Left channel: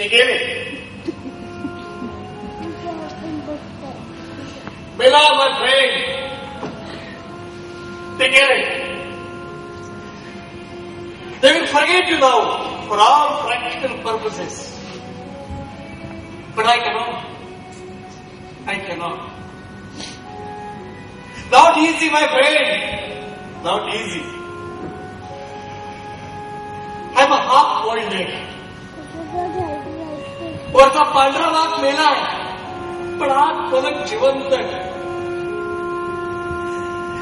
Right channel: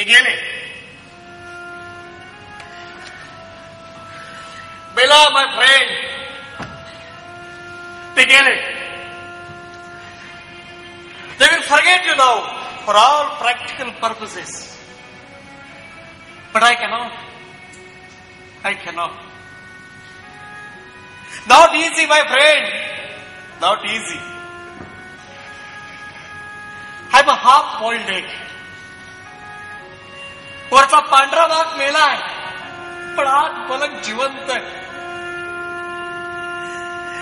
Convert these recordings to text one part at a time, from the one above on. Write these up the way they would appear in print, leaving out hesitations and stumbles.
ते गेले. बेला my friend, ते गेले. They will forget you now for all practical purposes. But I cannot. I cannot. Not easy, my friend. Not easy. I'm a half boiled egg. वरचा पांढरा भाग मेलाय, पण आज परत जिवंत आहे.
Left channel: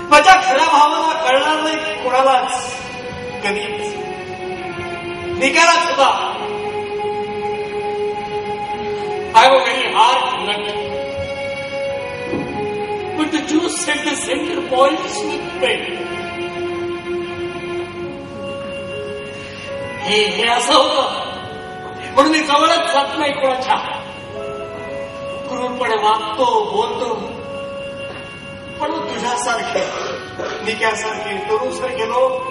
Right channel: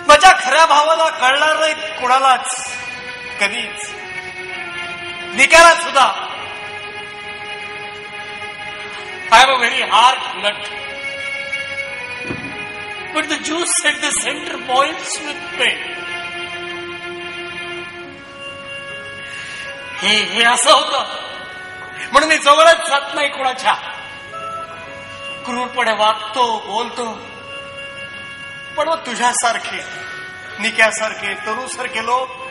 माझ्या खऱ्या भावना कळणार नाही कुणालाच कधीच. निघाला सुद्धा. I am a very hard nut. But the juice at the center points with pain. हे असं होतं म्हणून मी जवळच जात नाही कुणाच्या. क्रूरपणे वागतो, बोलतो. पण मग तुझ्यासारखे, निक्यासारखे, तरुसारखे लोक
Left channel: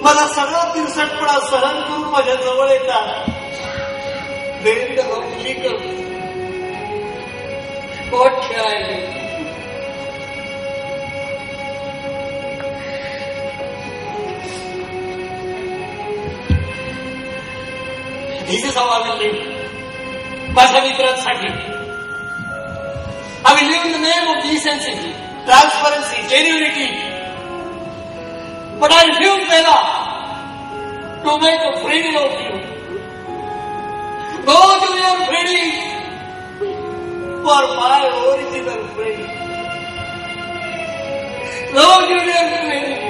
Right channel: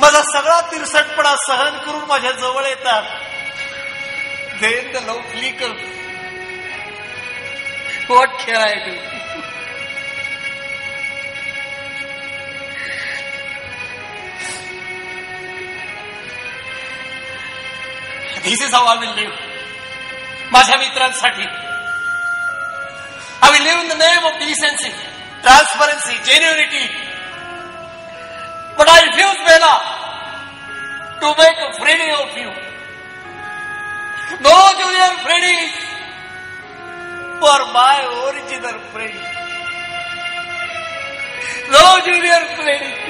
माझा सगळा तिरसटपणा सहन करून माझ्या जवळ येतात. ते लोकली पोट खेळायला. This is how I will live. माझ्या मित्रांसाठी. I will live in the name of decency, transparency, genuinity. But I refuse, Bella, to make a Freddy of you. No, Junior Freddy, for my original Freddy. No, Junior Freddy.